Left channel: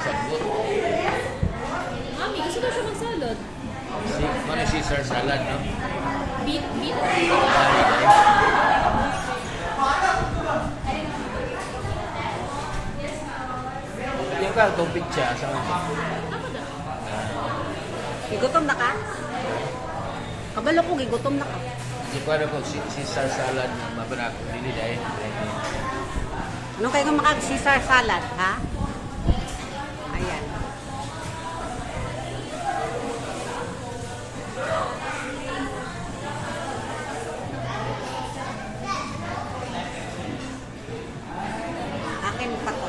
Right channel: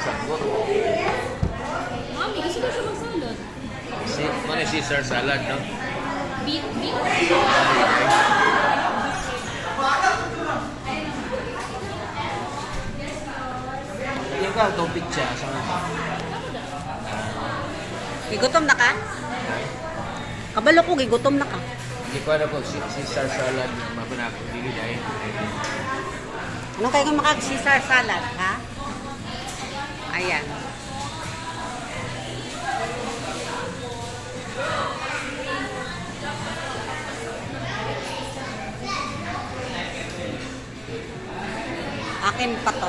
magsabot. Mami, gusto daw siya mag-salad. Ano Caesar salad, no? Beet. Yan ka, tubig siya. Gigutom na ka? Kabalo ko, gigutom na ka. Hindi ko alam kung Caesar salad mabanag dili dahil. Anong kayo makag-Caesar salad, ha? Ayan. Akin pa to.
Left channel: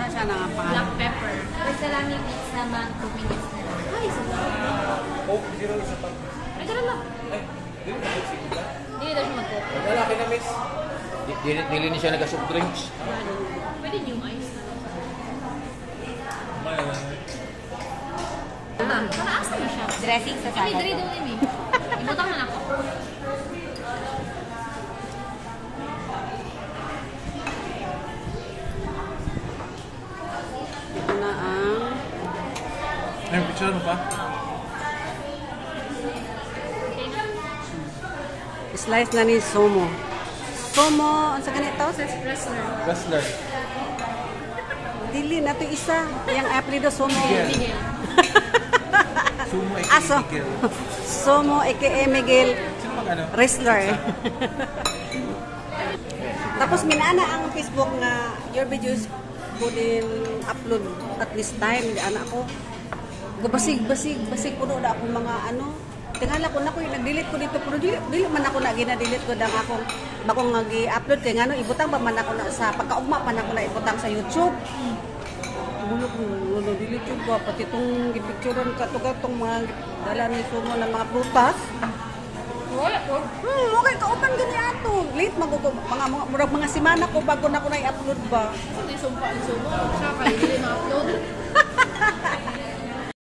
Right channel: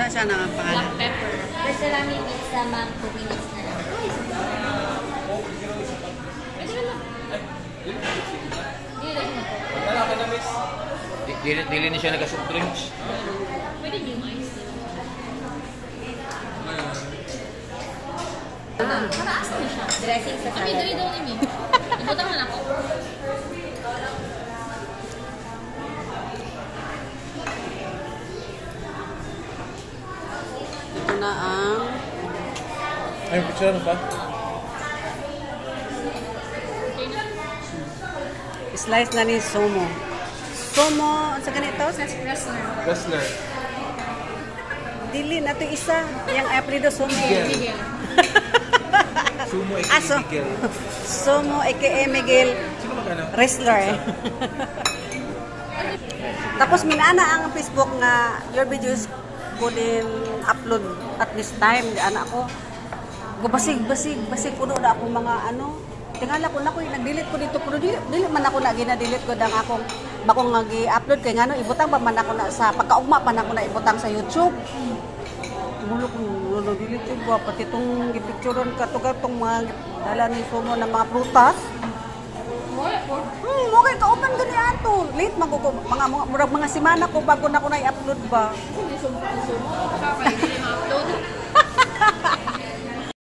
Saan siya na ang pangalan? Black pepper. Basta lang may pizza, ma'am. 2 minutes na lang. Ay, isa pa. Ay, tara lang. Hindi daw siya magpo. Dili na siya nag-soft drinks. Pwede yung ice na. Nasa na siya. Dressing sa Kami, salad. dari daw ni Mi. Ibutang na ako. Ito na ang Yung picture pa? slice na ni Somo. Somo, ang sa ganito? Wrestler. Wrestler. Dili na ito isa. Yung apelido Somo. Miguel. Sumo Aso. Somo, aka Miguel. Wrestler. Tapos minana ang Facebook nga your videos ko din upload at this time. Anak ko. Basig puno na akong mga ano. Tingala ko na ko, nag-delete ko dito. Pero dili man ako na gina-delete ko dang akong bakong nag-upload. Kaya nga no, ibutang pa man ako na sa pagkaugma pa na ako na ibutang sa YouTube. Mulo ko, nag-delete ko ba? Pati itong gipicturean ka itong mga dala ni Somo ng mga prutas. Okay, kauban gani ato. Late mga semana ko bago na ako na i-upload ba.